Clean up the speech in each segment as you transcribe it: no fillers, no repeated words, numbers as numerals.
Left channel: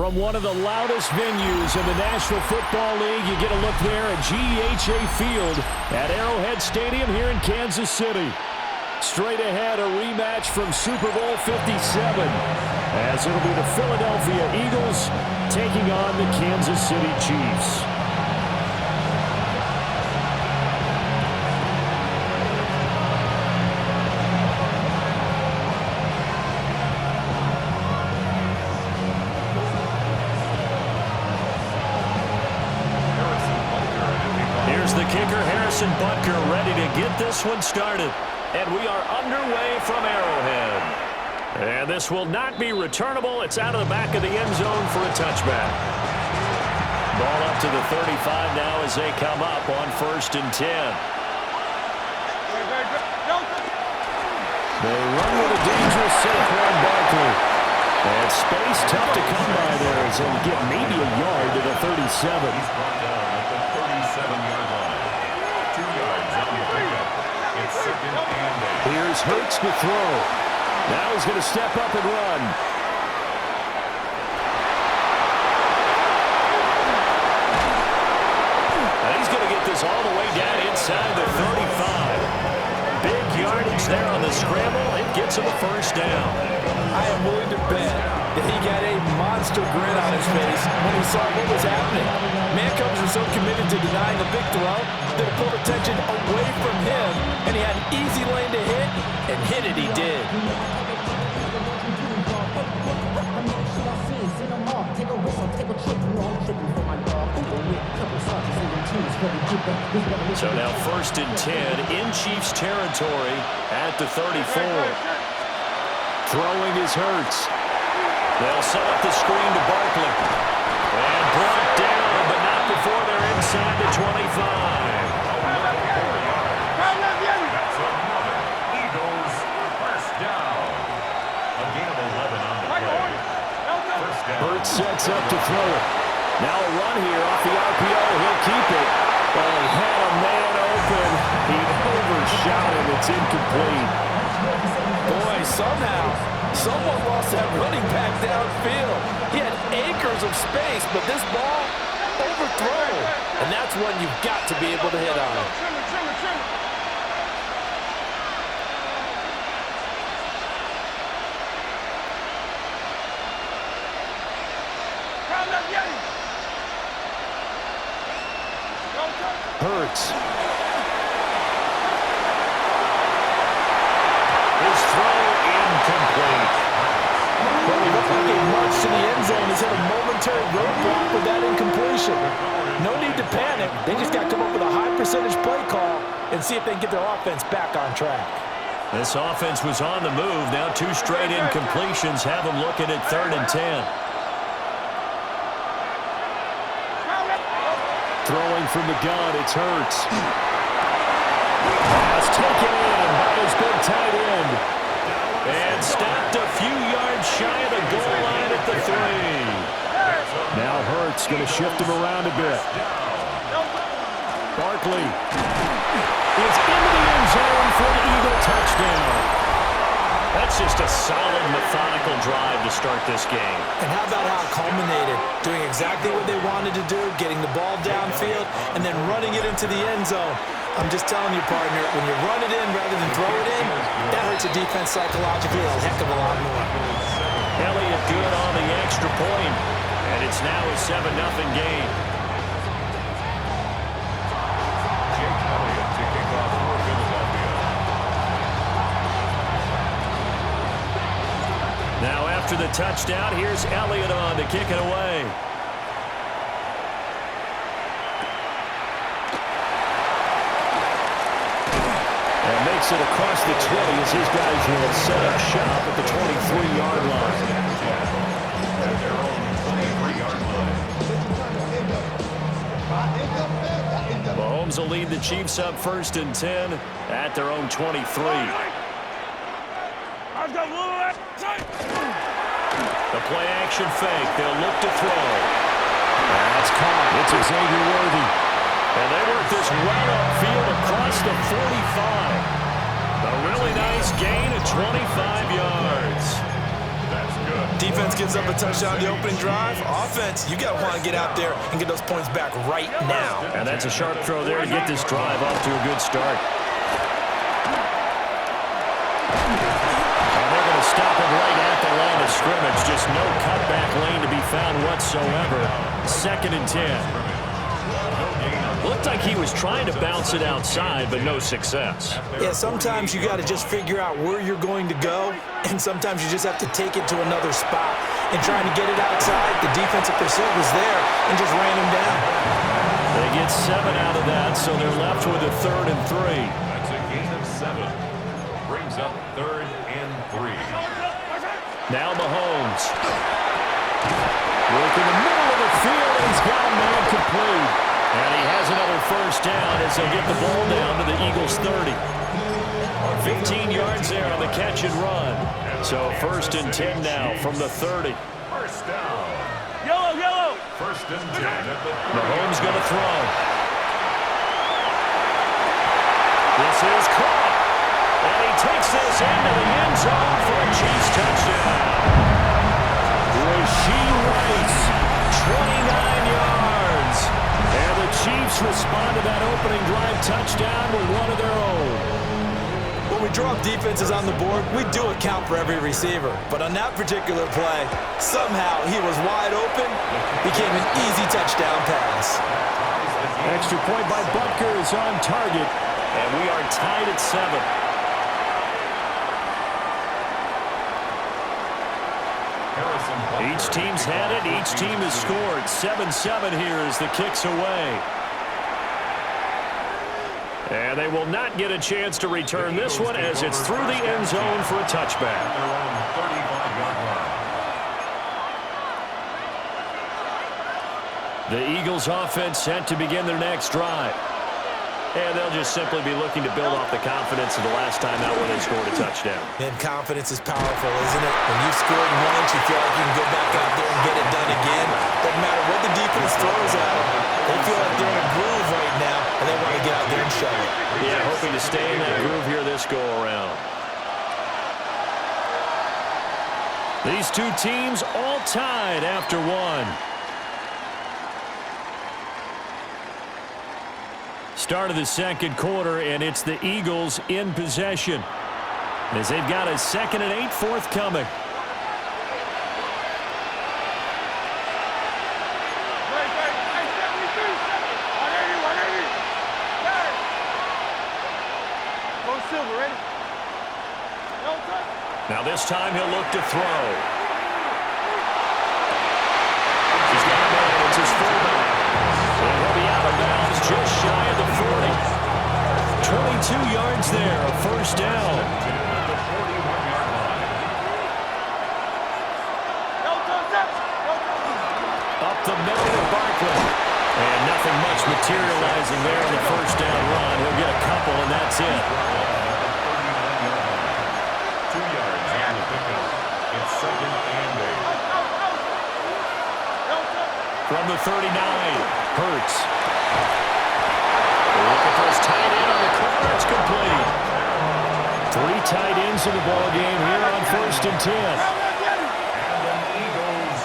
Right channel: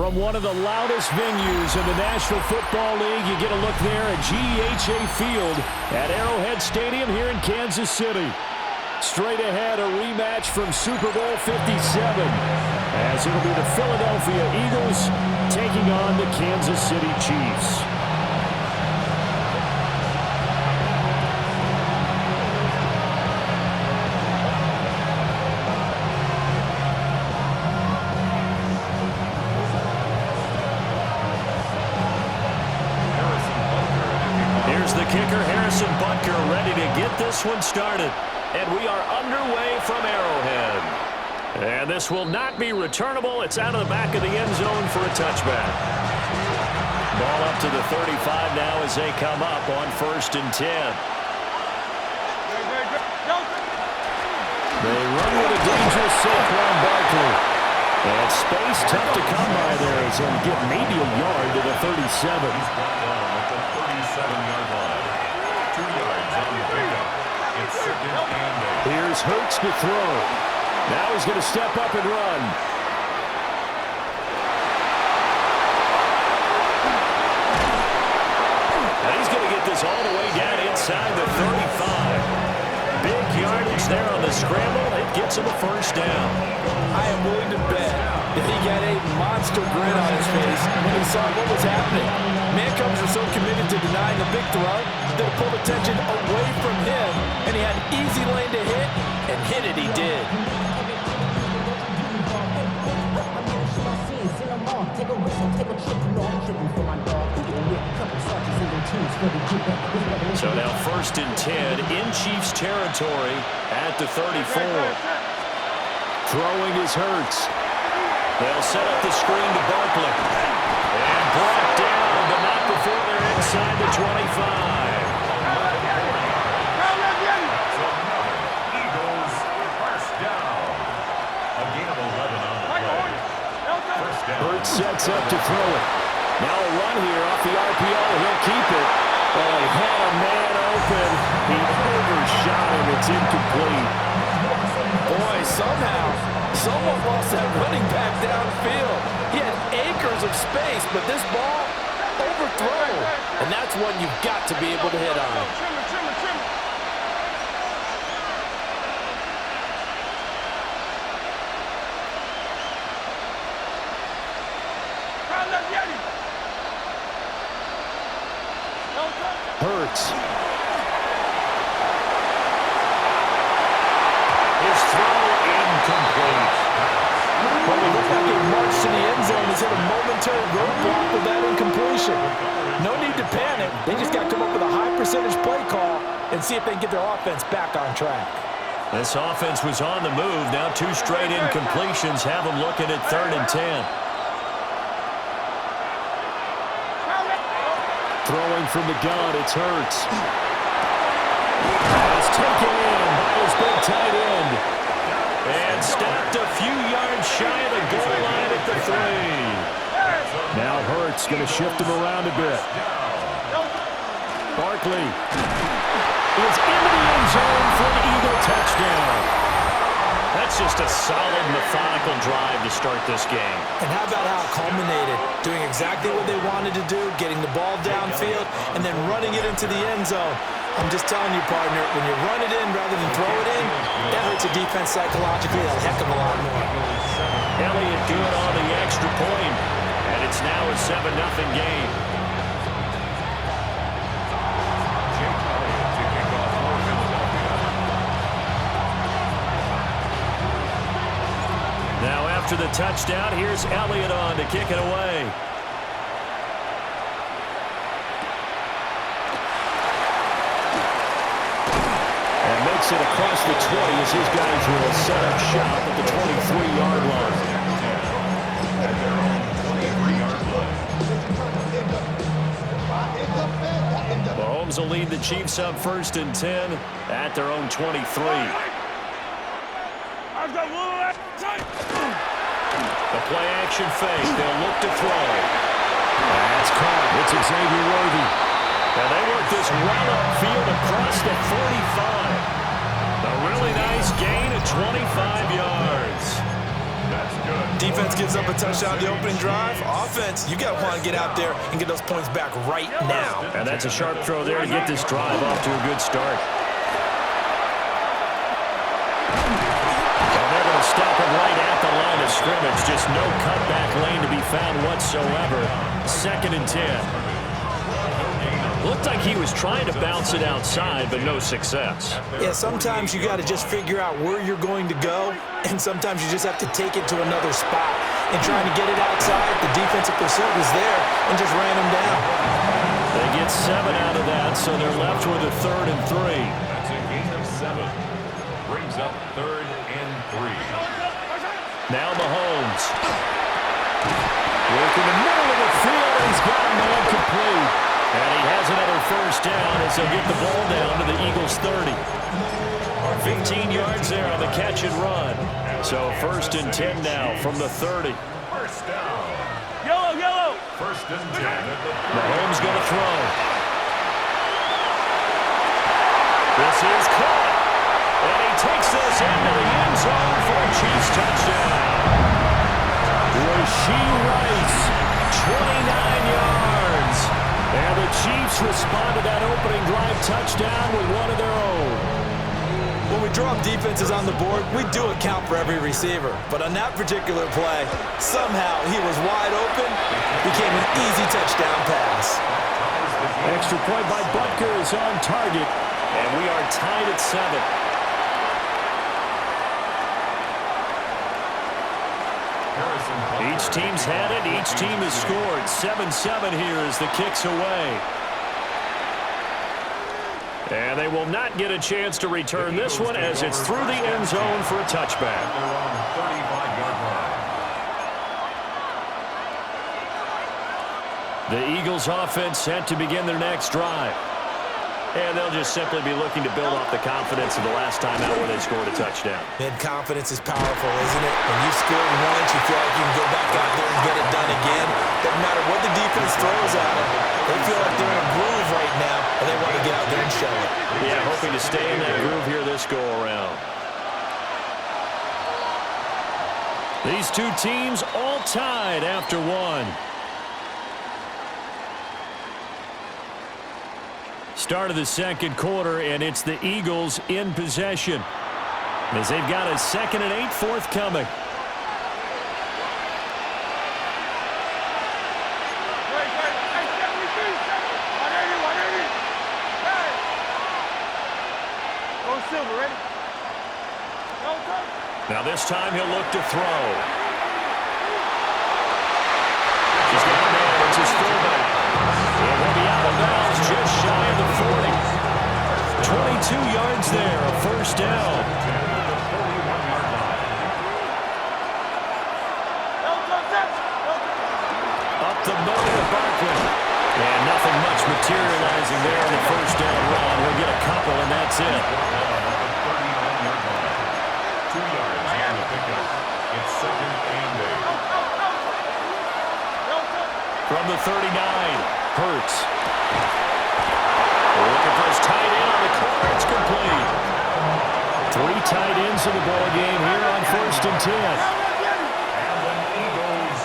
From one of the loudest venues in the National Football League, you get a look there at GEHA Field at Arrowhead Stadium here in Kansas City. Straight ahead, a rematch from Super Bowl 57, as it'll be the Philadelphia Eagles taking on the Kansas City Chiefs. Ready to get this one started. And we are underway from Arrowhead. And this will not be returnable. It's out of the back of the end zone for a touchback. Ball up to the 35 now as they come up on 1st and 10. They run with a dangerous Saquon Barkley. And space tough to come by there as he'll get maybe a yard to the 37. He's brought down at the 37-yard line. 2 yards on the pickup. It's 2nd and 8. Here's Hurts to throw. Now he's going to step up and run. Now he's going to get this all the way down inside the 35. Big yardage there on the scramble. It gets him a 1st down. I am willing to bet that he got a monster grin on his face when he saw what was happening. Mancombs were so committed to denying the big throw that it pulled attention away from him, and he had an easy lane to hit, and hit it he did. So now 1st and 10 in Chiefs territory at the 34. Throwing is Hurts. They'll set up the screen to Barkley. And brought down, but not before they're inside the 25. That's another Eagles 1st down. A gain of 11 on the play. 1st down. Hurts sets up to throw it. Now a run here off the RPO. He'll keep it. Well, he had a man open. He overshot him. It's incomplete. Boy, somehow, someone lost that running back downfield. He had acres of space, but this ball overthrown. And that's one you've got to be able to hit on. Hurts. His throw incomplete. Well, he looked like he marched to the end zone. He's hit a momentary roadblock with that incompletion. No need to panic. They just got to come up with a high percentage play call and see if they can get their offense back on track. This offense was on the move. Now 2 straight incompletions have them looking at 3rd and 10. Throwing from the gun, it's Hurts. Pass taken in by his big tight end. And stopped a few yards shy of the goal line at the 3. Now Hurts going to shift him around a bit. Barkley is into the end zone for an Eagle touchdown. That's just a solid, methodical drive to start this game. And how about how it culminated? Doing exactly what they wanted to do, getting the ball downfield, and then running it into the end zone. I'm just telling you, partner, when you run it in rather than throw it in, that hurts a defense psychologically a heck of a lot more. Elliott good on the extra point, and it's now a 7-0 game. Jake Elliott to kick off for Philadelphia. Now after the touchdown, here's Elliott on to kick it away. And makes it across the 20 as his guys will set up shop at the 23-yard line. At their own 23-yard line. Mahomes will lead the Chiefs up 1st and 10 at their own 23. The play action fake. They'll look to throw. That's caught. It's Xavier Worthy. And they work this well upfield across the 45. A really nice gain of 25 yards. That's good. Defense gives up a touchdown the opening drive. Offense, you got to want to get out there and get those points back right now. And that's a sharp throw there to get this drive off to a good start. And they're going to stop him right at the line of scrimmage. Just no cutback lane to be found whatsoever. 2nd and 10. Looked like he was trying to bounce it outside, but no success. Yeah, sometimes you got to just figure out where you're going to go, and sometimes you just have to take it to another spot. And trying to get it outside, the defensive pursuit was there and just ran him down. They get 7 out of that, so they're left with a 3rd and 3. That's a gain of 7. Brings up 3rd and 3. Now Mahomes. Work in the middle of the field, and he's got a man complete. And he has another 1st down as he'll get the ball down to the Eagles' 30. 15 yards there on the catch and run. So 1st and 10 now from the 30. 1st down. Yellow. 1st and 10 at the 30. Mahomes going to throw. This is caught. And he takes this into the end zone for a Chiefs touchdown. Rashee Rice, 29 yards. And the Chiefs respond to that opening drive touchdown with one of their own. When we draw up defenses on the board, we do account for every receiver. But on that particular play, somehow he was wide open, became an easy touchdown pass. Extra point by Butker is on target, and we are tied at 7. Each team's had it. Each team has scored. 7-7 here as the kick's away. And they will not get a chance to return this one as it's through the end zone for a touchback. They're on 35-yard line. The Eagles offense set to begin their next drive. And they'll just simply be looking to build off the confidence of the last time out where they scored a touchdown. And confidence is powerful, isn't it? When you've scored once, you feel like you can go back out there and get it done again. Doesn't matter what the defense throws at them. They feel like they're in a groove right now, and they want to get out there and show it. Yeah, hoping to stay in that groove here this go-around. These two teams all tied after one. Start of the 2nd quarter, and it's the Eagles in possession as they've got a 2nd and 8 forthcoming. Now this time he'll look to throw. He's got a man. It's his fullback. And he'll be out of bounds just shy of the 40. 22 yards there, a 1st down. At the 41-yard line. Up the middle of Barkley. And nothing much materializing there on the 1st down run. He'll get a couple, and that's it. At the 39-yard line. 2 yards on the pickup. It's 2nd and 8. From the 39, Hurts. Looking for his tight end on the corner. It's complete. 3 tight ends in the ball game here on 1st and 10. And the Eagles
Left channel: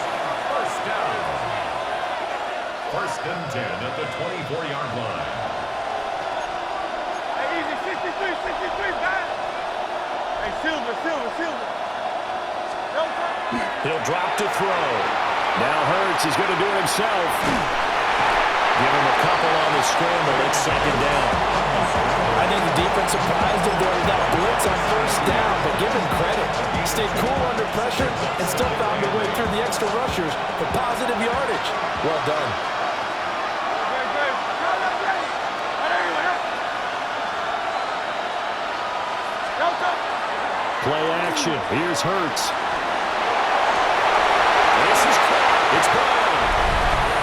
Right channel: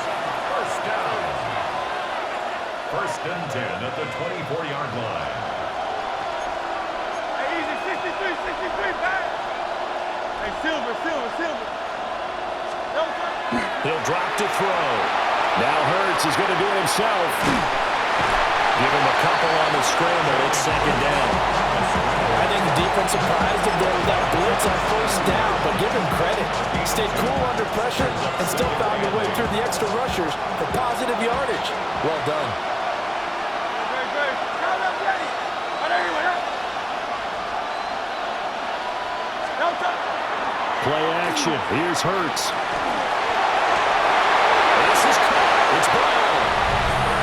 1st down. 1st and 10 at the 24-yard line. Hey, easy, 63, back. Hey, Silver. He'll drop to throw. Now Hurts is going to do it himself. Give him a couple on the scramble. It's 2nd down. I think the defense surprised him there with that blitz on 1st down, but give him credit. He stayed cool under pressure and still found a way through the extra rushers for positive yardage. Well done. Play action. Here's Hurts. This is caught. It's Brown.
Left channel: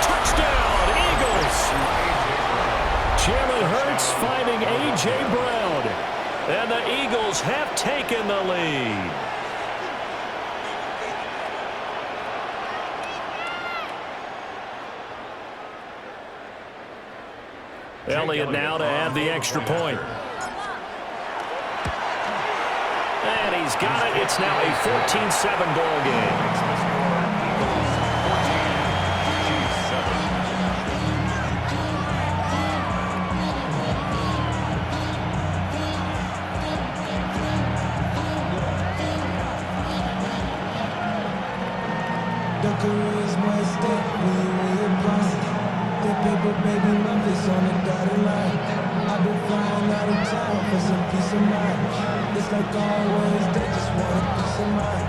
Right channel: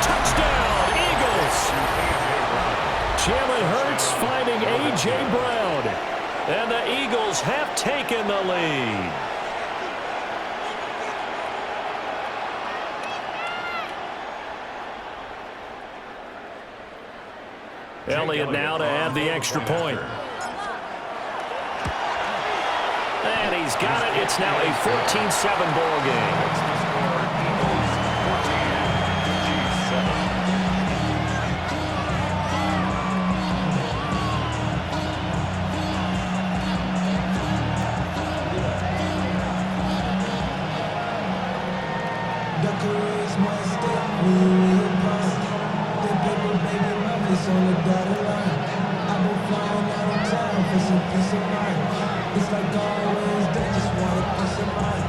Touchdown, Eagles. Jalen Hurts finding A.J. Brown. And the Eagles have taken the lead. Elliott now to add the extra point. And he's got it. It's now a 14-7 ball game. Makes the score Eagles 14, Chiefs 7. The career's more at stake when you in your prime. That paper, baby, my face on the dotted line. I've been flying out of town for some peace of mind. It's like always, they just want a peace of mind.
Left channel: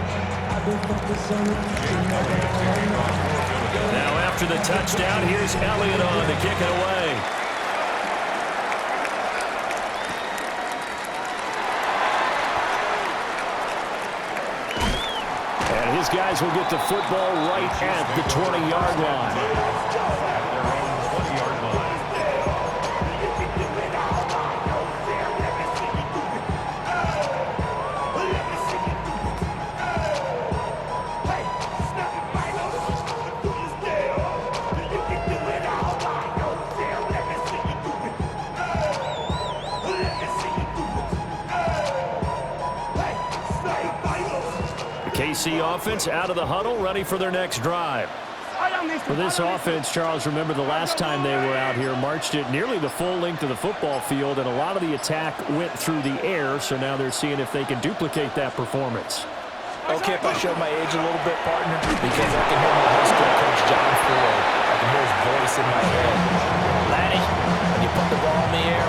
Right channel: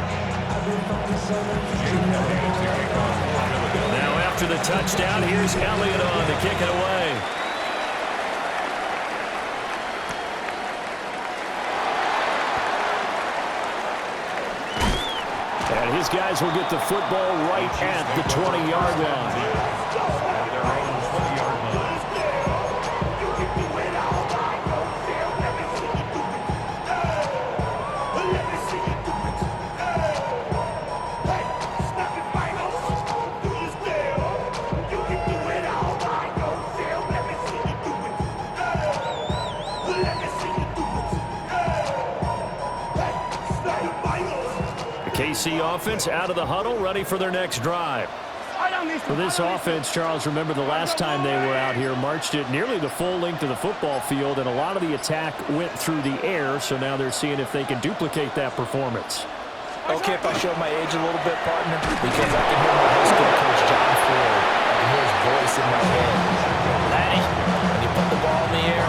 I've been focused on the future, never right now. Now after the touchdown, here's Elliott on to kick it away. And his guys will get the football right at the 20-yard line. At their own 20-yard line. KC offense out of the huddle, ready for their next drive. For this offense, Charles, remember the last time they were out here, marched it nearly the full length of the football field, and a lot of the attack went through the air, so now they're seeing if they can duplicate that performance. Okay, if I show my age a little bit, partner, because I can hear my high school coach, John Ford. I can hear his voice in my head. Laddie, when you put the ball in the air,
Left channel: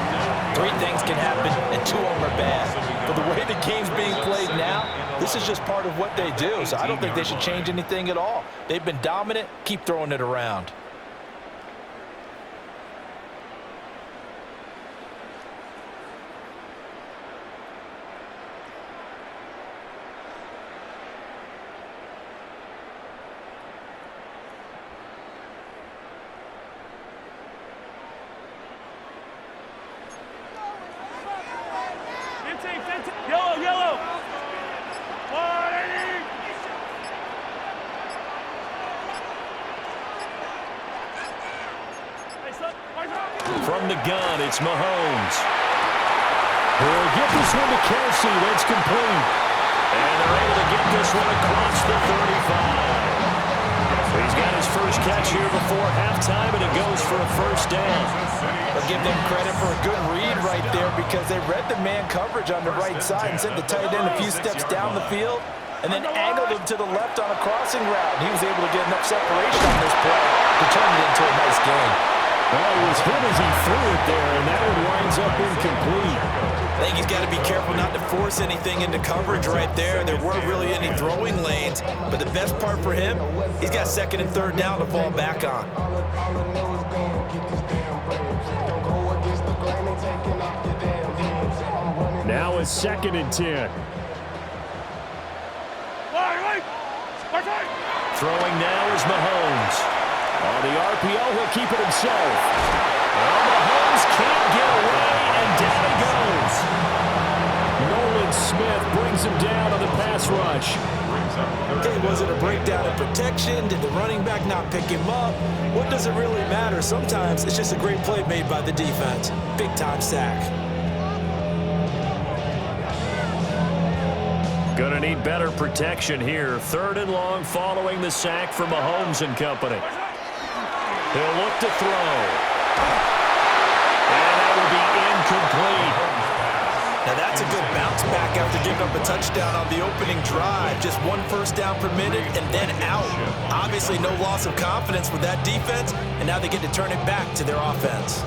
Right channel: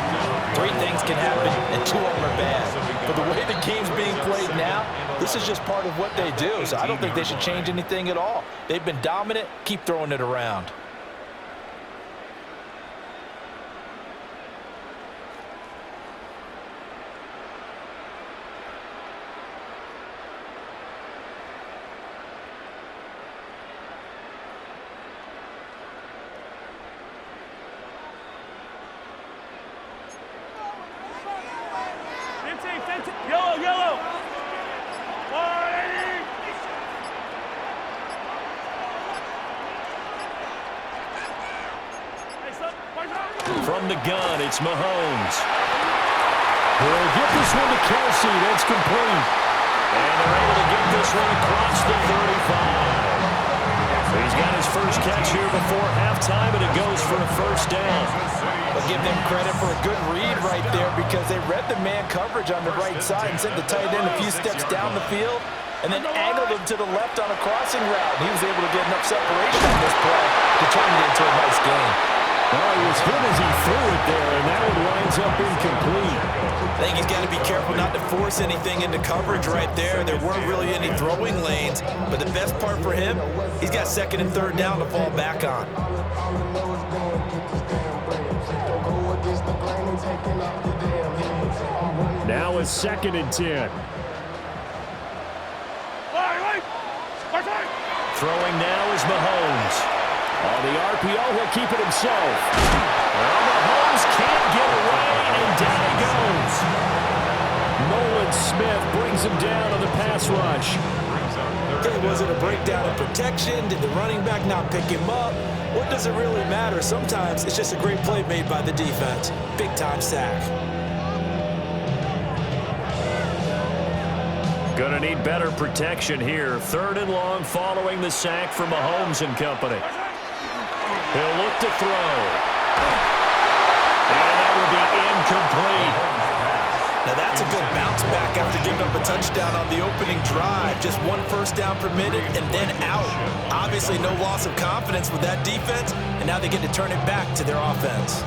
3 things can happen, and 2 of them are bad. But the way the game's being played now, this is just part of what they do, so I don't think they should change anything at all. They've been dominant. Keep throwing it around. Yellow, yellow. 180. From the gun, it's Mahomes. He'll get this one to Kelsey. That's complete. And they're able to get this one across the 35. So he's got his first catch here before halftime, and it goes for a first down. I'll give them credit for a good read right there because they read the man coverage on the right side and sent the tight end a few steps down the field and then angled him to the left on a crossing route. He was able to get enough separation on this play to turn it into a nice game. Well, he was hit as he threw it there, and that one winds up incomplete. I think he's got to be careful not to force anything into coverage right there. There weren't really any throwing lanes, but the best part for him, he's got 2nd and 3rd down to fall back on. Now it's 2nd and 10. Throwing now is Mahomes. On the RPO, he'll keep it himself. Well, Mahomes can't get away, and down he goes. Nolan Smith brings him down on the pass rush. Okay, was it a breakdown in protection? Did the running back not pick him up? What does it really matter? Sometimes it's just a great play made by the defense. Big-time sack. Gonna need better protection here. 3rd and long following the sack for Mahomes and company. He'll look to throw. And that will be incomplete. Now that's a good bounce back after giving up a touchdown on the opening drive. Just 1 first down per minute and then out. Obviously no loss of confidence with that defense, and now they get to turn it back to their offense.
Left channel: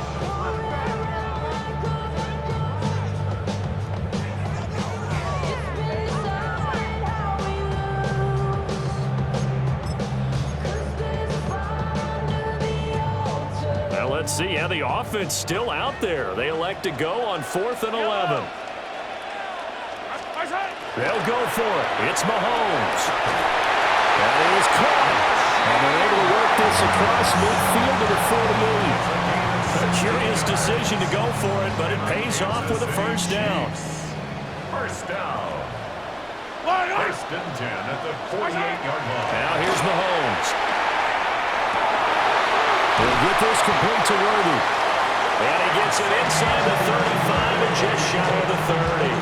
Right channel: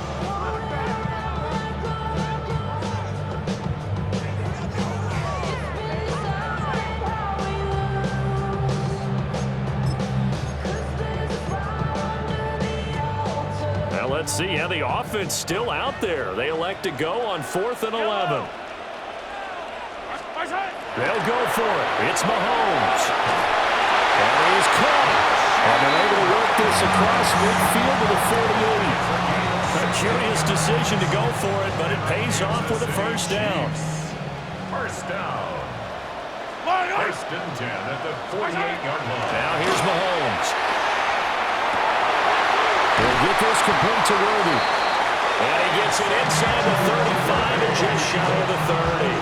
Let's see how the offense still out there. They elect to go on 4th and 11. They'll go for it. It's Mahomes. And he's caught. And they're able to work this across midfield to the 48. A curious decision to go for it, but it pays off with a first down. First down. 1st and 10 at the 48-yard line. Now here's Mahomes. He'll get this complete to Worthy. And he gets it inside the 35 and just shy of the 30.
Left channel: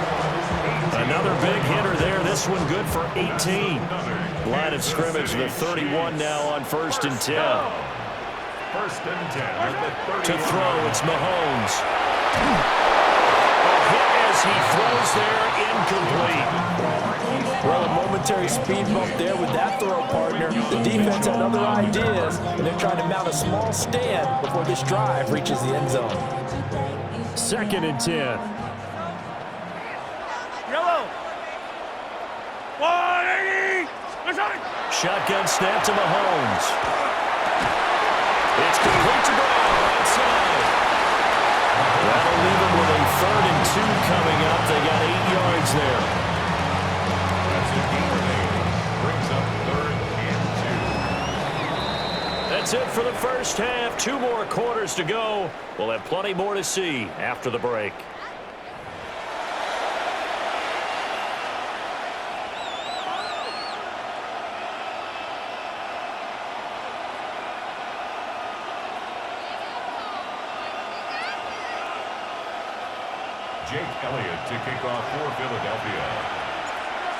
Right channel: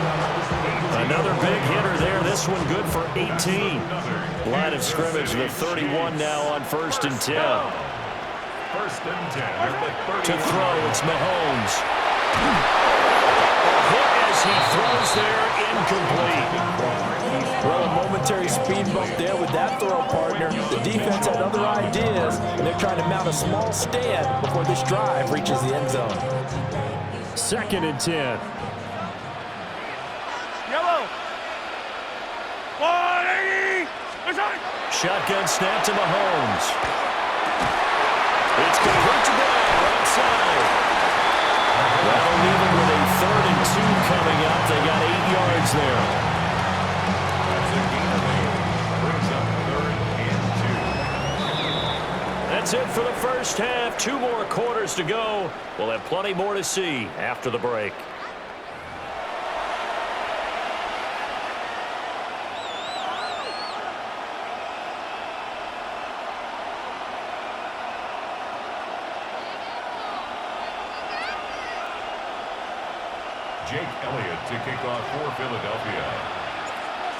A Another big hitter there. This one good for 18. Line of scrimmage, the 31 now on 1st and 10. 1st and 10 at the 30. To throw, it's Mahomes. A hit as he throws there, incomplete. Well, a momentary speed bump there with that throw, partner. The defense had other ideas, and they're trying to mount a small stand before this drive reaches the end zone. 2nd and 10. Yellow. 180. Shotgun snap to Mahomes. It's complete to Brown, right side. That'll leave them with a 3rd and 2 coming up. They got 8 yards there. That's a gain of 8. Brings up 3rd and 2. That's it for the first half. 2 more quarters to go. We'll have plenty more to see after the break. Jake Elliott to kick off for Philadelphia.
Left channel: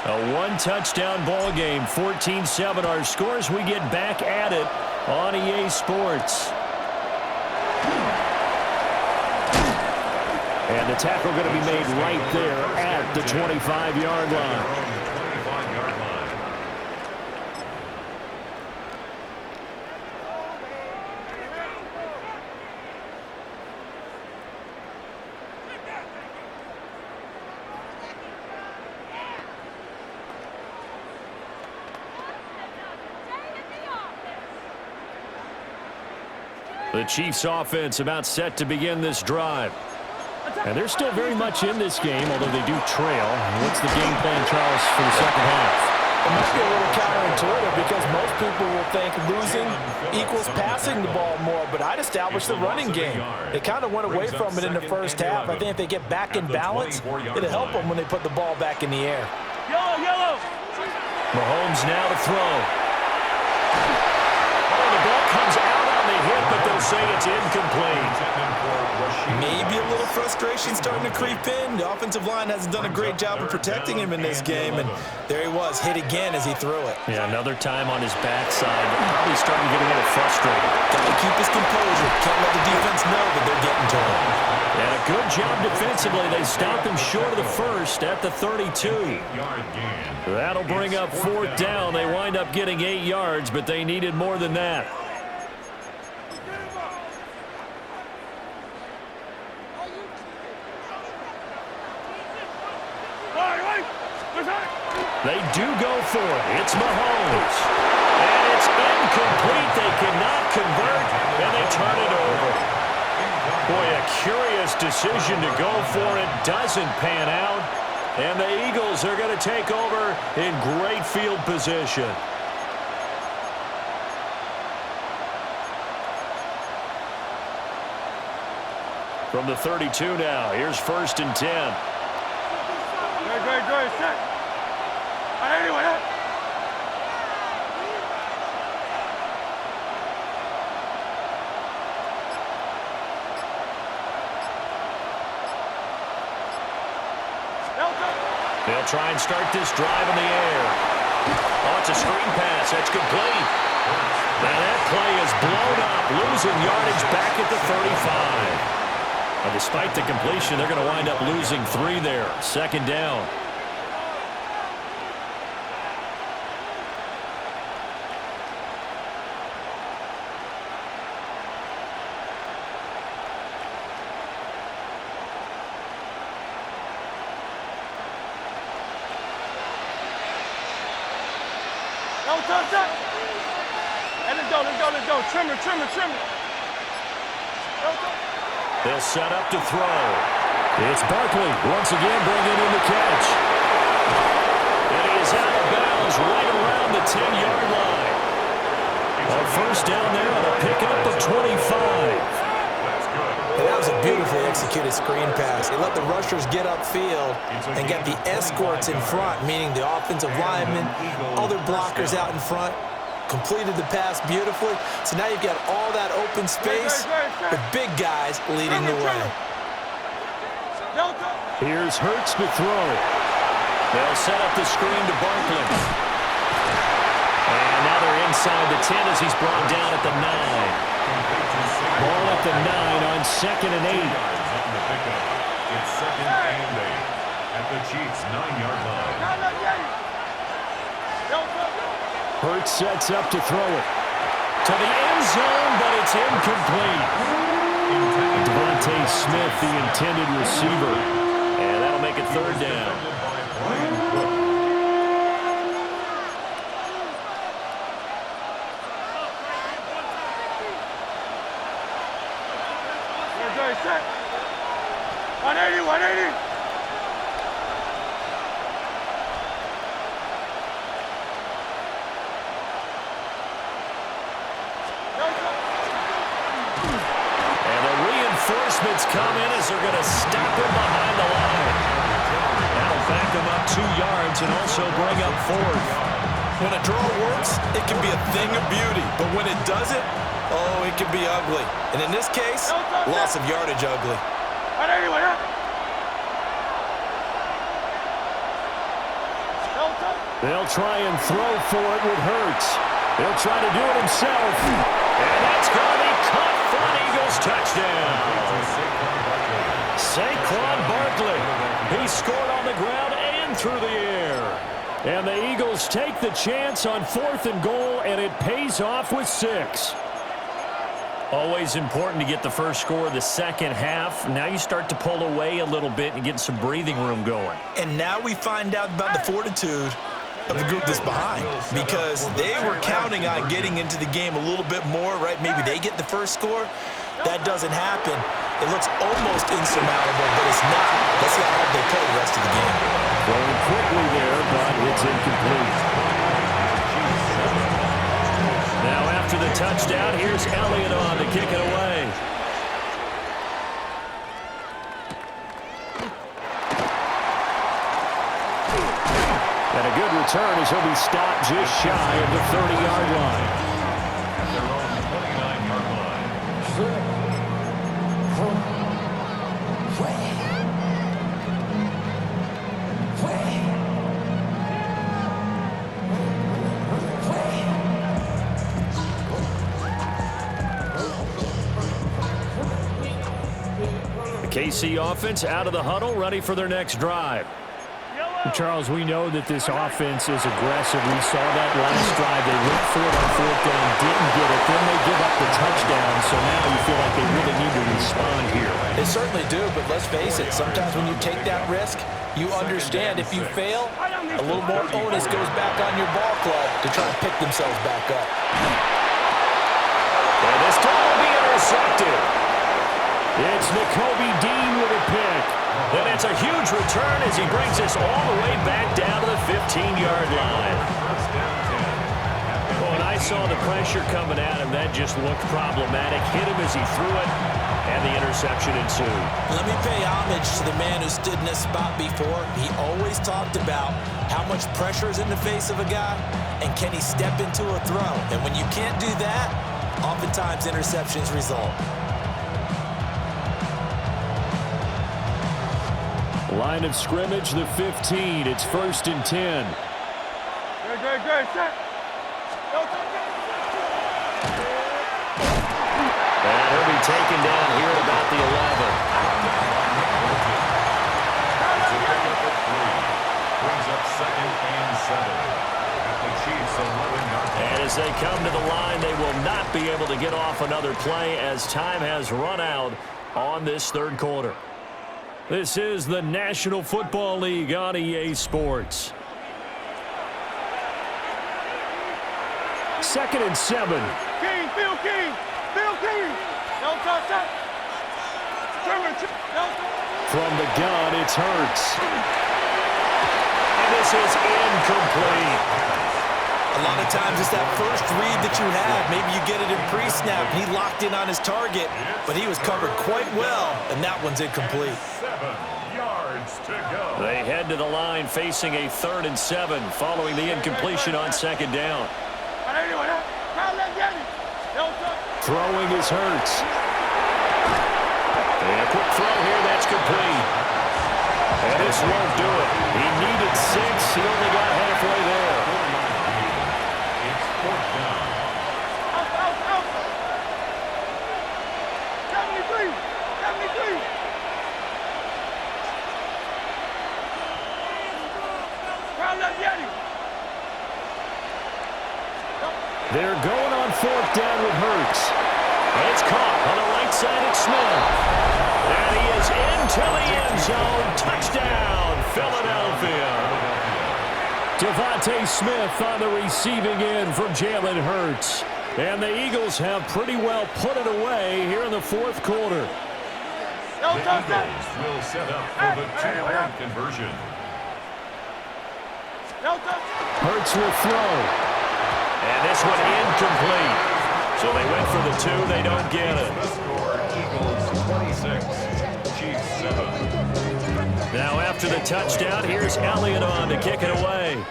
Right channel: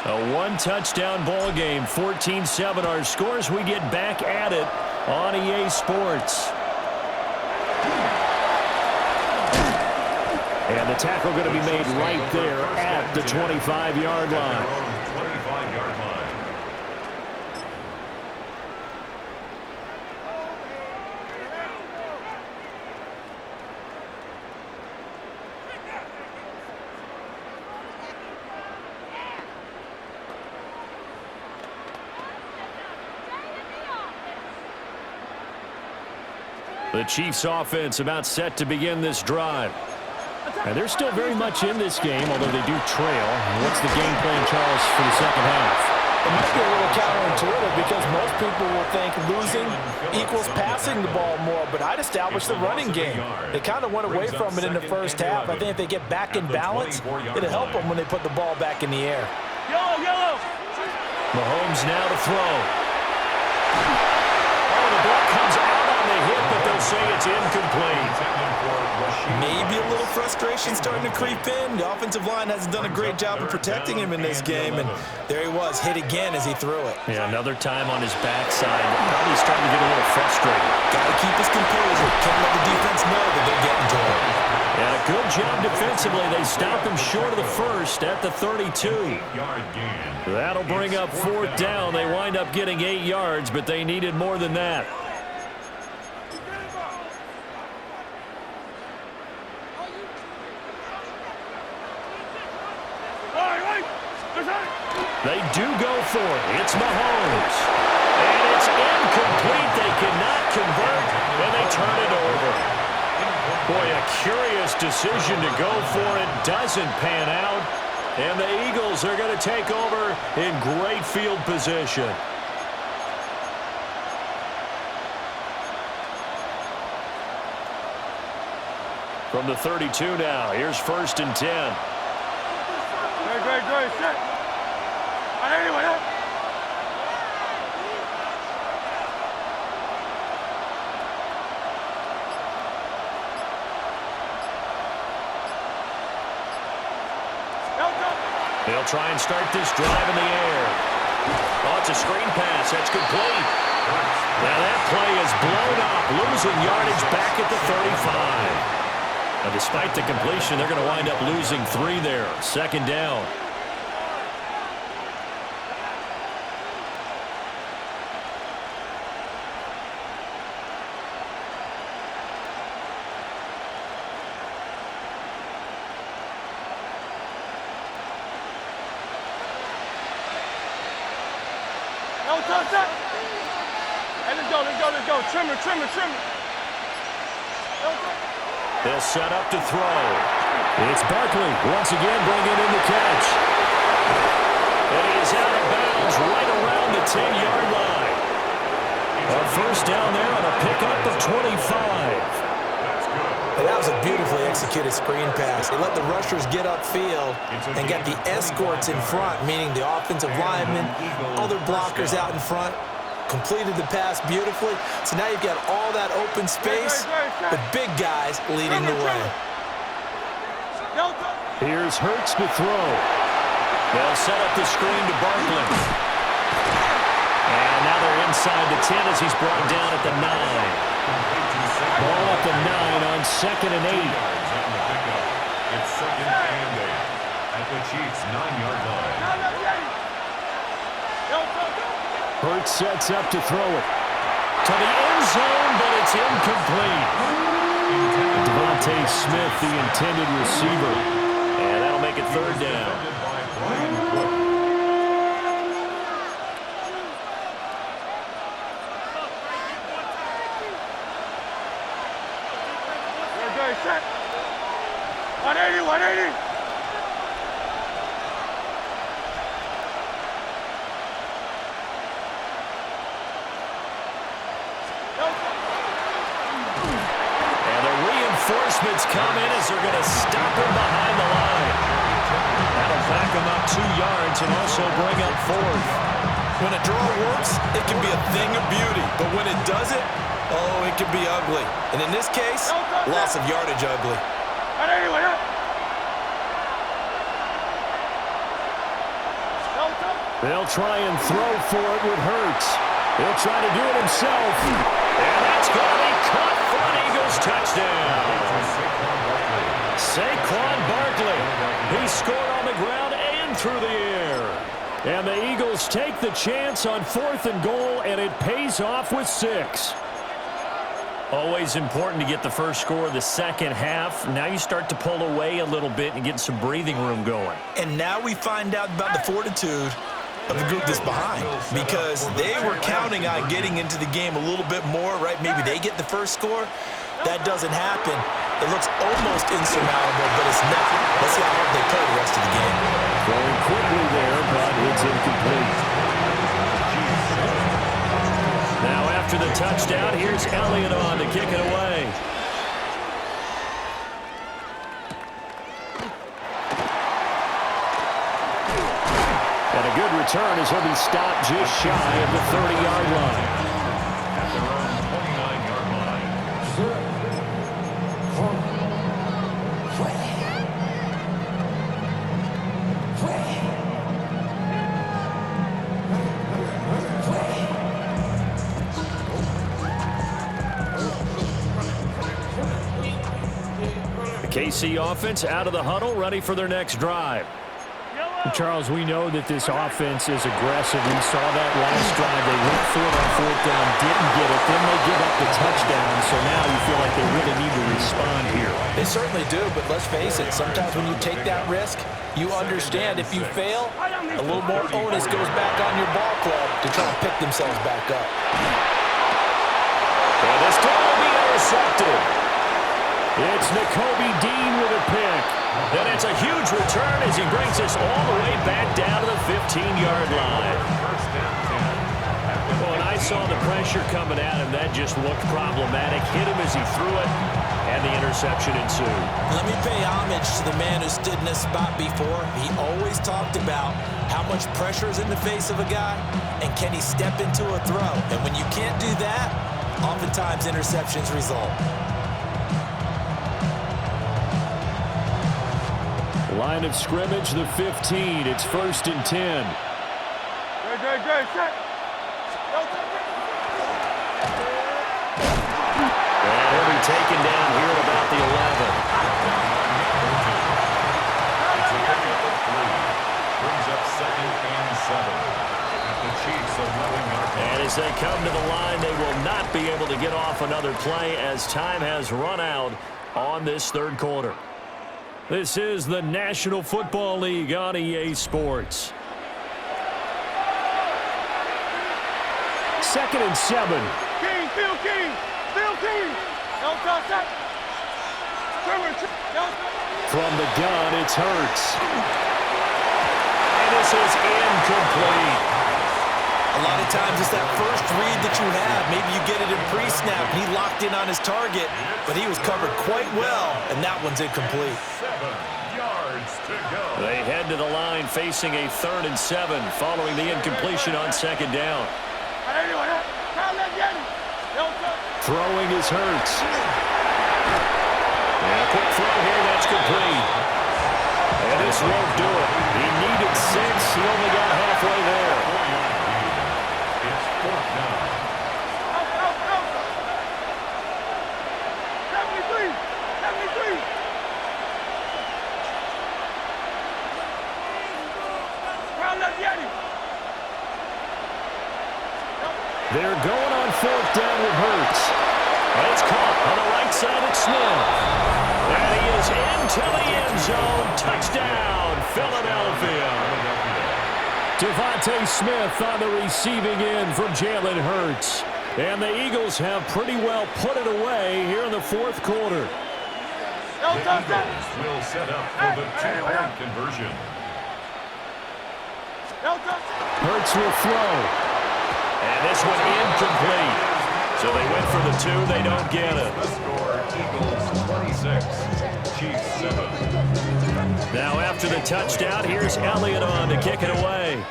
A 1-touchdown ball game, 14-7 our scores. We get back at it on EA Sports. And the tackle going to be made right there at the 25-yard line. 25-yard line. The Chiefs offense about set to begin this drive. And they're still very much in this game, although they do trail. What's the game plan, Charles, for the second half? It might be a little counterintuitive because most people will think losing equals passing the ball more, but I'd establish the running game. They kind of went away from it in the first half. I think if they get back in balance, it'll help them when they put the ball back in the air. Yellow. Mahomes now to throw. Oh, the ball comes out on the hit, but they'll say it's incomplete. Maybe a little frustration starting to creep in. The offensive line hasn't done a great job of protecting him in this game, and there he was, hit again as he threw it. Yeah, another time on his backside. Probably starting to get a little frustrated. Got to keep his composure. Can't let the defense know that they're getting to him. And a good job defensively. They stopped him short of the first at the 32. That'll bring up 4th down. They wind up getting 8 yards, but they needed more than that. They do go for it. It's Mahomes. And it's incomplete. They cannot convert, and they turn it over. Boy, a curious decision to go for it. Doesn't pan out. And the Eagles are going to take over in great field position. From the 32 now, here's 1st and 10. Great, set. Anyway, They'll try and start this drive in the air. Oh, it's a screen pass. That's complete. Now that play is blown up, losing yardage back at the 35. But despite the completion, they're going to wind up losing 3 there. 2nd down. Hey, let's go. Trim it. They'll set up to throw. It's Barkley once again bringing in the catch. And he is out of bounds right around the 10-yard line. A 1st down there on a pickup of 25. And that was a beautifully executed screen pass. He let the rushers get upfield and get the escorts in front, meaning the offensive linemen, other blockers out in front, completed the pass beautifully. So now you've got all that open space with big guys leading the way. Here's Hurts to throw. They'll set up the screen to Barkley. And now they're inside the 10 as he's brought down at the 9. Ball at the 9 on 2nd and 8. Yards on the pickup. It's 2nd and 8 at the Chiefs' 9-yard line. Hurts sets up to throw it to the end zone, but it's incomplete. Devontae Smith, the intended receiver. And that'll make it 3rd down. Set. 180, 180. And the reinforcements come in as they're going to stop him behind the line. That'll back him up 2 yards and also bring up 4th. When a draw works, it can be a thing of beauty. But when it doesn't, oh, it can be ugly. And in this case, loss of yardage ugly. They'll try and throw for it with Hurts. He'll try to do it himself. And that's going to be caught for an Eagles touchdown. Saquon Barkley. He scored on the ground and through the air. And the Eagles take the chance on 4th and goal, and it pays off with 6. Always important to get the first score of the second half. Now you start to pull away a little bit and get some breathing room going. And now we find out about the fortitude of the group that's behind, because they were counting on getting into the game a little bit more, right? Maybe they get the first score. That doesn't happen. It looks almost insurmountable, but it's not. Let's see how hard they play the rest of the game. Throwing quickly there, but it's incomplete. Now after the touchdown, here's Elliott on to kick it away. And a good return as he'll be stopped just shy of the 30-yard line. At their own 29-yard line. The KC offense out of the huddle, ready for their next drive. Charles, we know that this offense is aggressive. We saw that last drive. They went for it on 4th down, didn't get it. Then they give up the touchdown. So now you feel like they really need to respond here. They certainly do, but let's face it, sometimes when you take that risk, you understand if you fail, a little more onus goes back on your ball club to try and pick themselves back up. And this throw will be intercepted. It's Nakobe Dean with a pick. And it's a huge return as he brings us all the way back down to the 15-yard line. When I saw the pressure coming at him, that just looked problematic. Hit him as he threw it, and the interception ensued. Let me pay homage to the man who stood in this spot before. He always talked about how much pressure is in the face of a guy, and can he step into a throw. And when you can't do that, oftentimes interceptions result. Line of scrimmage, the 15. It's 1st and 10. Good, set. And he'll be taken down here at about the 11. It's a pickup of 3. Brings up 2nd and 7 at the Chiefs' 11-yard line. And as they come to the line, they will not be able to get off another play as time has run out on this 3rd quarter. This is the National Football League on EA Sports. 2nd and 7. King, Phil King. No touch that. From the gun, it's Hurts. And this is incomplete. A lot of times it's that first read that you have. Maybe you get it in pre-snap, and he locked in on his target, but he was covered quite well, and that one's incomplete. 7 yards to go. They head to the line facing a 3rd and 7 following the incompletion on 2nd down. Throwing is Hurts. And a quick throw here, that's complete. And this won't do it. He needed 6. He only got halfway there. 4-yard gain. It's 4th down. Out. 73. 73. Crowd left Yeti. They're going on 4th down with Hurts. It's caught on the right side at Smith. And he is into the end zone. Touchdown, Philadelphia. Devontae Smith on the receiving end from Jalen Hurts. And the Eagles have pretty well put it away here in the 4th quarter. The Eagles will set up for the 2-point conversion. Hurts will throw. And this one incomplete. So they went for the 2. They don't get it. The score, Eagles 26, Chiefs 7. Now after the touchdown, here's Elliott on to kick it away.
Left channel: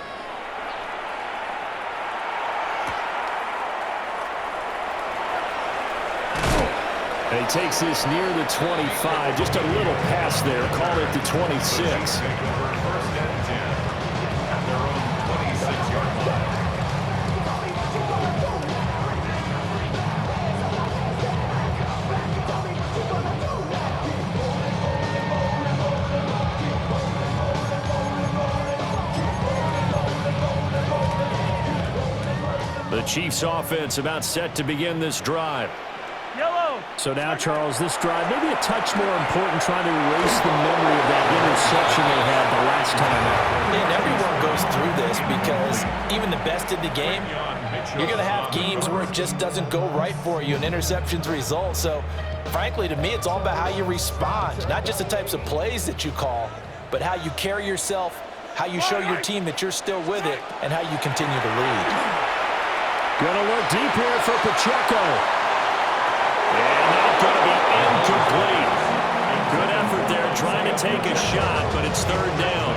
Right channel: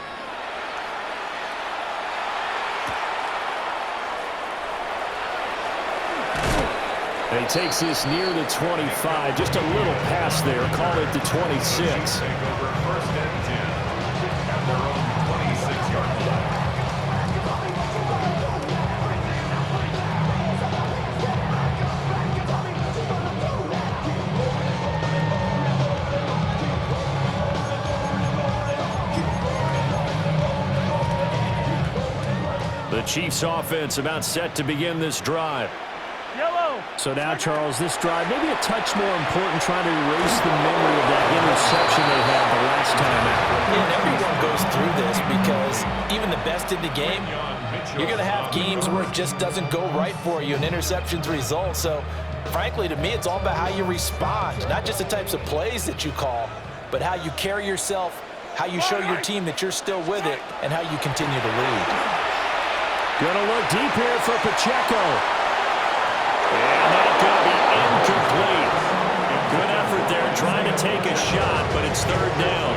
And he takes this near the 25. Just a little pass there. Call it the 26. Take over 1st and 10 at their own 26-yard line. The Chiefs offense about set to begin this drive. Yellow. So now, Charles, this drive maybe a touch more important, trying to erase the memory of that interception they had the last time out. And everyone goes through this because even the best in the game, you're going to have games where it just doesn't go right for you, and interceptions result. So, frankly, to me, it's all about how you respond, not just the types of plays that you call, but how you carry yourself, how you show your team that you're still with it, and how you continue to lead. Gonna look deep here for Pacheco. And that's going to be incomplete. Good effort there trying to take a shot, but it's 3rd down.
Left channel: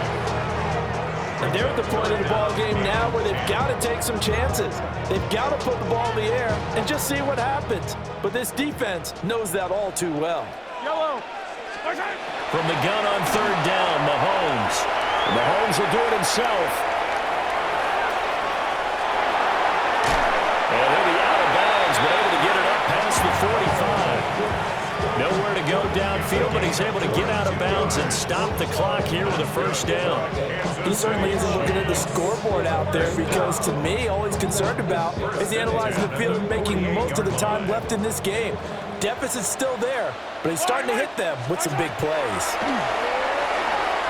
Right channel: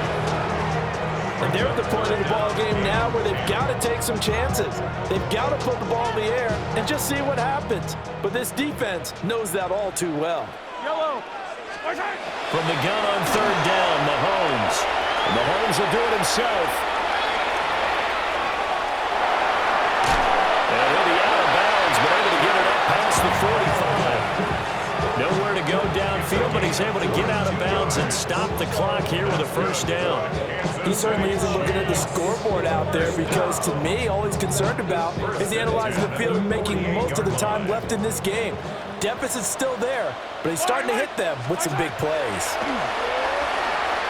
And they're at the point of the ball game now where they've got to take some chances. They've got to put the ball in the air and just see what happens. But this defense knows that all too well. Yellow. From the gun on 3rd down, Mahomes. And Mahomes will do it himself. And he'll be out of bounds, but able to get it up past the 45. Nowhere to go downfield, but he's able to get out of bounds and stop the clock here with a 1st down. He certainly isn't looking at the scoreboard out there because, to me, all he's concerned about is analyzing the field and making most of the time left in this game. Deficit's still there, but he's starting to hit them with some big plays.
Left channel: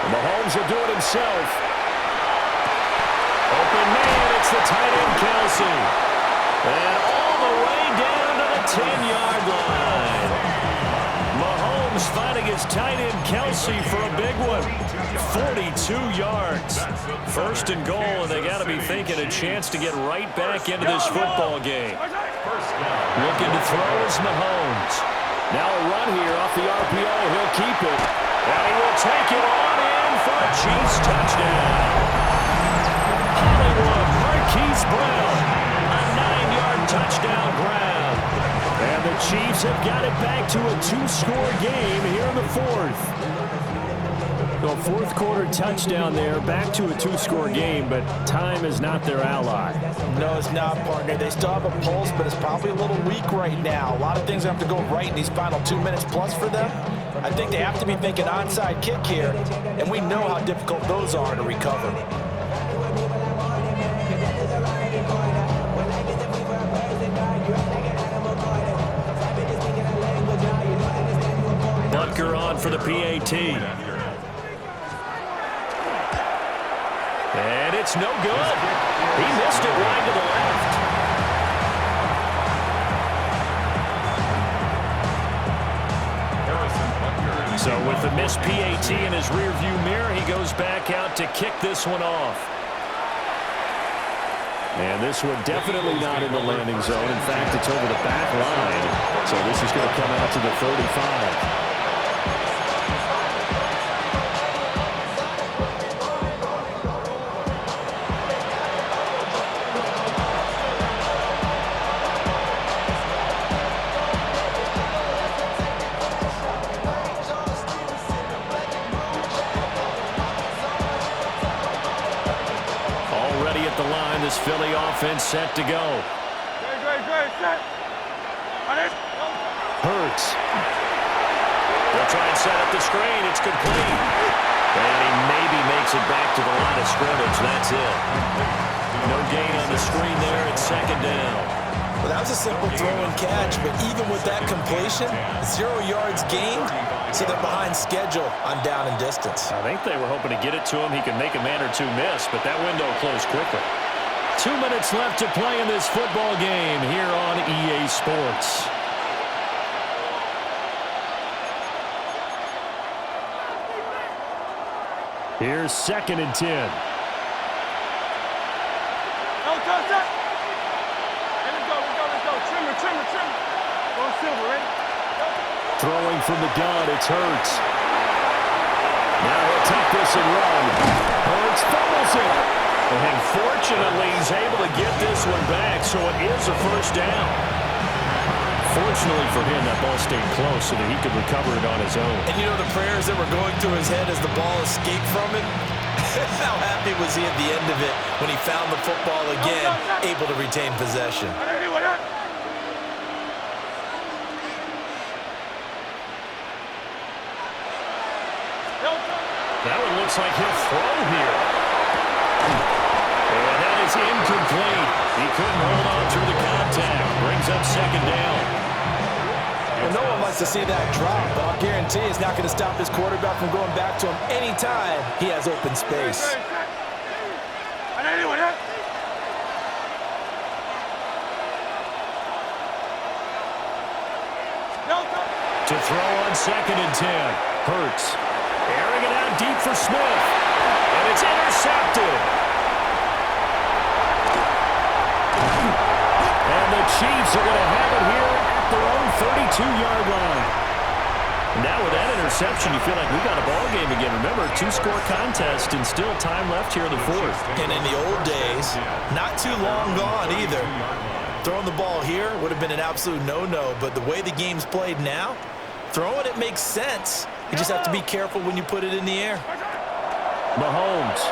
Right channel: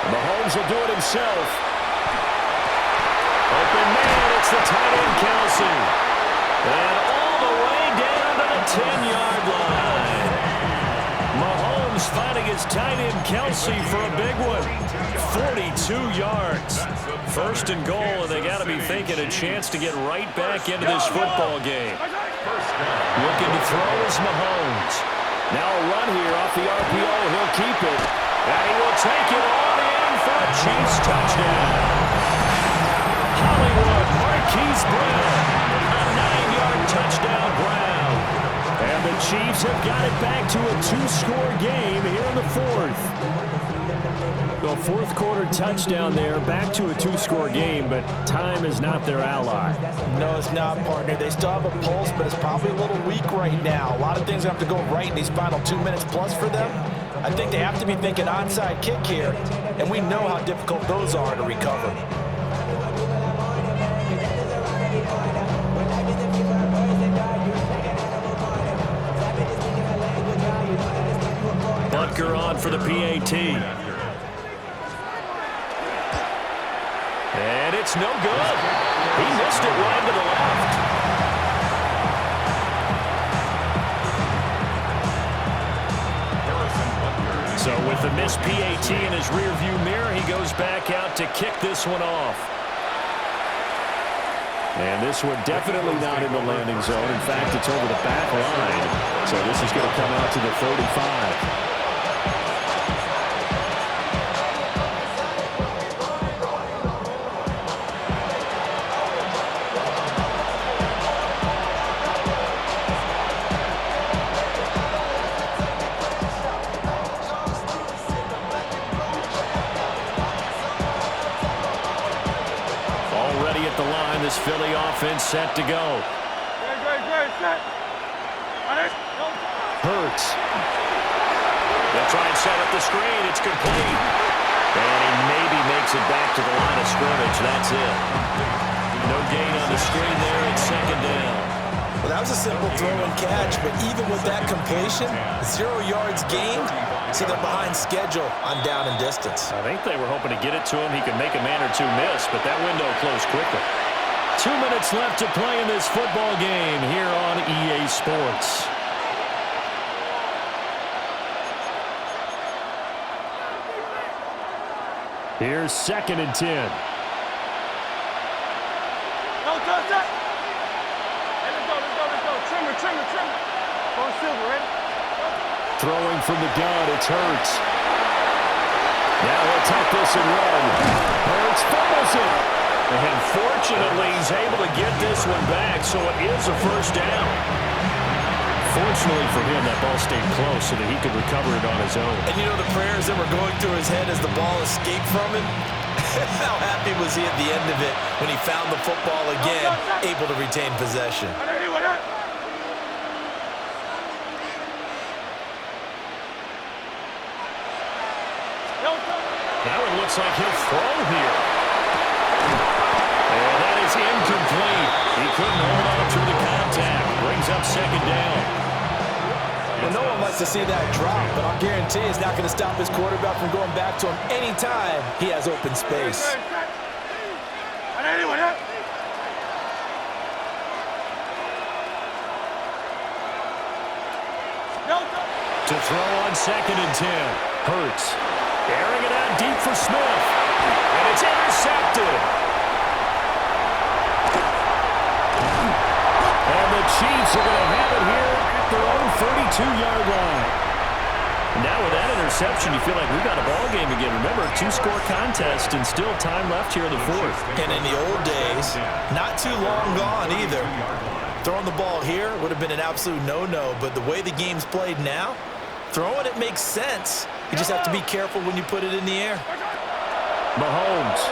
Mahomes will do it himself. Open man, it's the tight end, Kelsey. And all the way down to the 10-yard line. Mahomes finding his tight end, Kelsey, for a big one. 42 yards. 1st and goal, and they got to be thinking a chance to get right back into this football game. Looking to throw is Mahomes. Now a run here off the RPO. He'll keep it. And he will take it on in for a Chiefs touchdown. Hollywood Marquise Brown. A 9-yard touchdown ground. And the Chiefs have got it back to a 2-score game here in the 4th. So 4th quarter touchdown there, back to a 2-score game, but time is not their ally. No, it's not, partner. They still have a pulse, but it's probably a little weak right now. A lot of things have to go right in these final 2 minutes plus for them. I think they have to be thinking onside kick here, and we know how difficult those are to recover. Butker on for the PAT. And it's no good. He missed it wide to the left. So with the missed PAT in his rearview mirror, he goes back out to kick this one off. And this one definitely not in the landing zone. In fact, it's over the back line. So this is going to come out to the 35. ready at the line. This Philly offense set to go. Good, set. Hurts. They'll try and set up the screen. It's complete. And he maybe makes it back to the line of scrimmage. That's it. No gain on the screen there. It's second down. Well, that was a simple throw and catch, but even with that completion, 0 yards gained, so they're behind schedule on down and distance. I think they were hoping to get it to him. He could make a man or two miss, but that window closed quickly. 2 minutes left to play in this football game here on EA Sports. Here's 2nd and 10. Trimmer. Go Silver, ready? Throwing from the gun, it's Hurts. Now he'll take this and run. Hurts fumbles it. And fortunately, he's able to get this one back, so it is a first down. Fortunately for him, that ball stayed close so that he could recover it on his own. And you know the prayers that were going through his head as the ball escaped from him? How happy was he at the end of it when he found the football again, able to retain possession? That one looks like he'll throw here. And that is incomplete. He couldn't hold on through the contact. Brings up second down. Well, no one likes to see that drop, but I'll guarantee it's not going to stop his quarterback from going back to him anytime he has open space. To throw on 2nd and 10. Hurts. Airing it out deep for Smith. And it's intercepted. And the Chiefs are going to have it here at their own 32-yard line. Now with that interception, you feel like we've got a ball game again. Remember, 2-score contest and still time left here in the 4th. And in the old days, not too long gone either. Throwing the ball here would have been an absolute no-no, but the way the game's played now, throwing it makes sense. You just have to be careful when you put it in the air. Mahomes.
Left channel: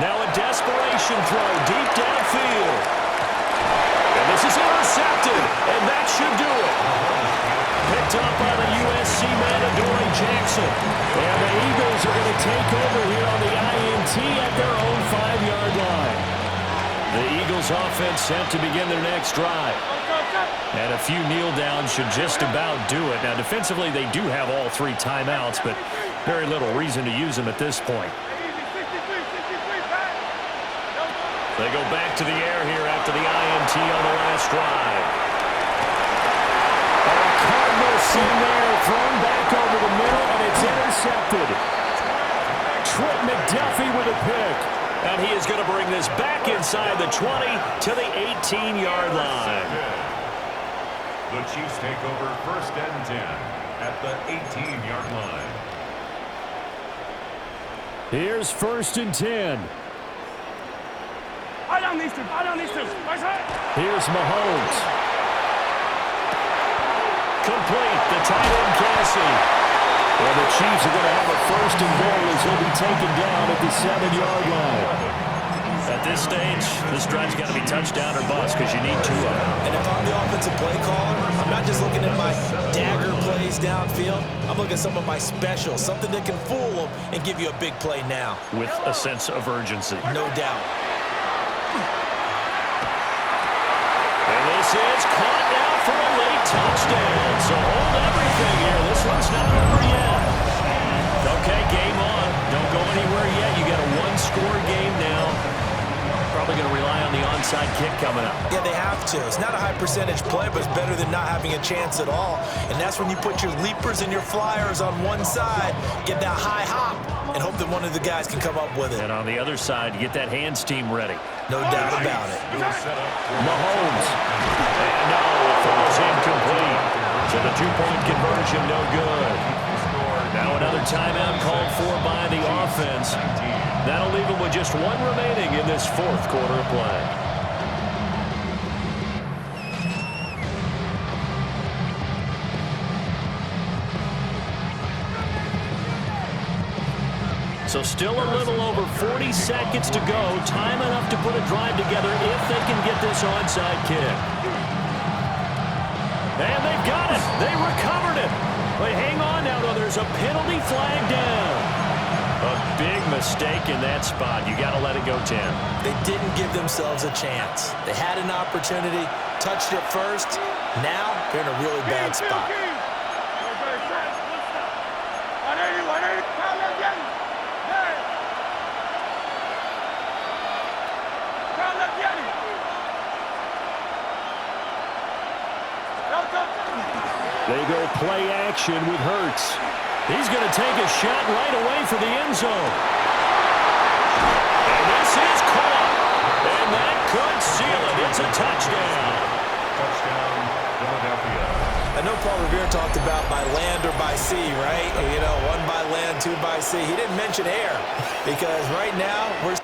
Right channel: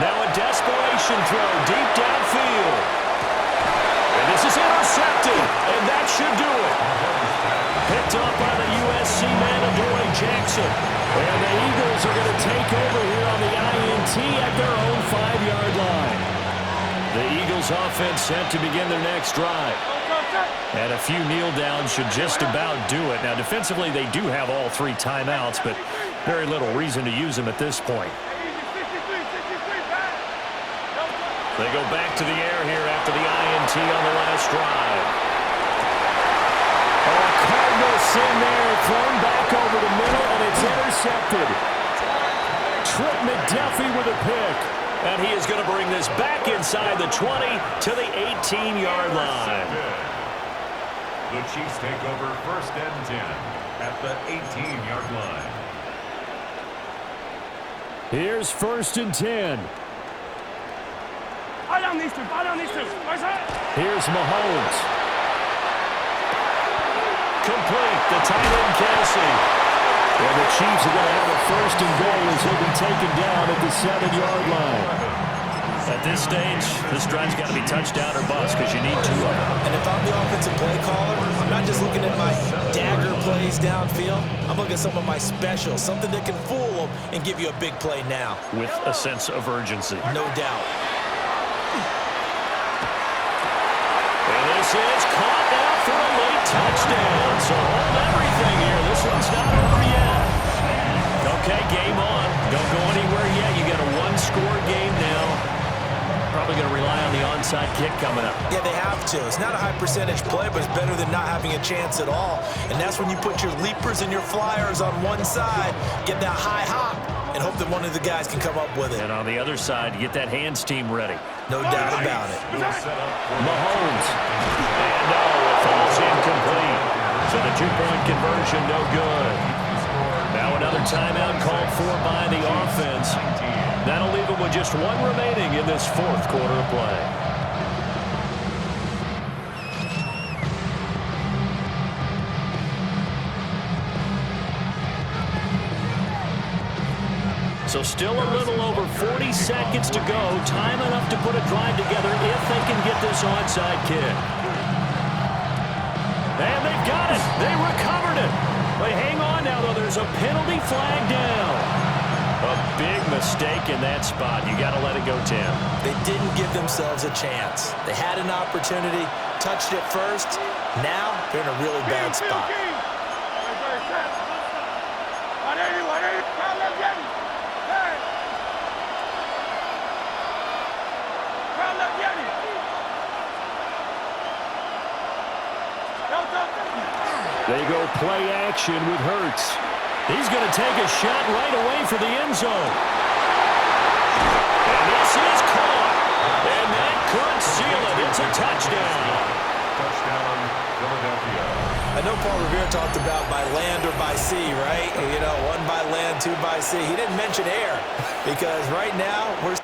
Now a desperation throw deep downfield. And this is intercepted, and that should do it. Picked up by the USC man, Adoree Jackson. And the Eagles are going to take over here on the INT at their own 5-yard line. The Eagles offense set to begin their next drive. And a few kneel downs should just about do it. Now, defensively, they do have all 3 timeouts, but very little reason to use them at this point. They go back to the air here after the INT on the last drive. Oh, Cardinals in there, thrown back over the middle, and it's intercepted. Trent McDuffie with a pick. And he is going to bring this back inside the 20 to the 18-yard line. The Chiefs take over 1st and 10 at the 18-yard line. Here's 1st and 10. Buy down these two. Here's Mahomes. Complete. The tight end, Kelsey. And the Chiefs are going to have a 1st and goal as he'll be taken down at the 7-yard line. At this stage, this drive's got to be touchdown or bust because you need 2 of them. And if I'm the offensive play caller, I'm not just looking at my dagger plays downfield. I'm looking at some of my specials, something that can fool them and give you a big play now. With a sense of urgency. No doubt. And this is caught now for a late touchdown. So hold everything here. This one's not over yet. Okay, game on. Don't go anywhere yet. You got a 1-score game now. Probably going to rely on the onside kick coming up. Yeah, they have to. It's not a high percentage play, but it's better than not having a chance at all. And that's when you put your leapers and your flyers on one side, get that high hop, and hope that one of the guys can come up with it. And on the other side, get that hands team ready. No doubt about it. Mahomes. And no, it falls incomplete. So the 2-point conversion, no good. Now another timeout called for by the offense. That'll leave them with just 1 remaining in this 4th quarter of play. So still a little over 40 seconds to go. Time enough to put a drive together if they can get this onside kick. And they've got it. They recovered it. But hang on now, though. There's a penalty flag down. A big mistake in that spot. You got to let it go, Tim. They didn't give themselves a chance. They had an opportunity, touched it first. Now they're in a really bad spot. They go play action with Hurts. He's going to take a shot right away for the end zone. And this is caught. And that could seal it. It's a touchdown. Touchdown, Philadelphia. I know Paul Revere talked about by land or by sea, right? You know, one by land, two by sea. He didn't mention air because right now we're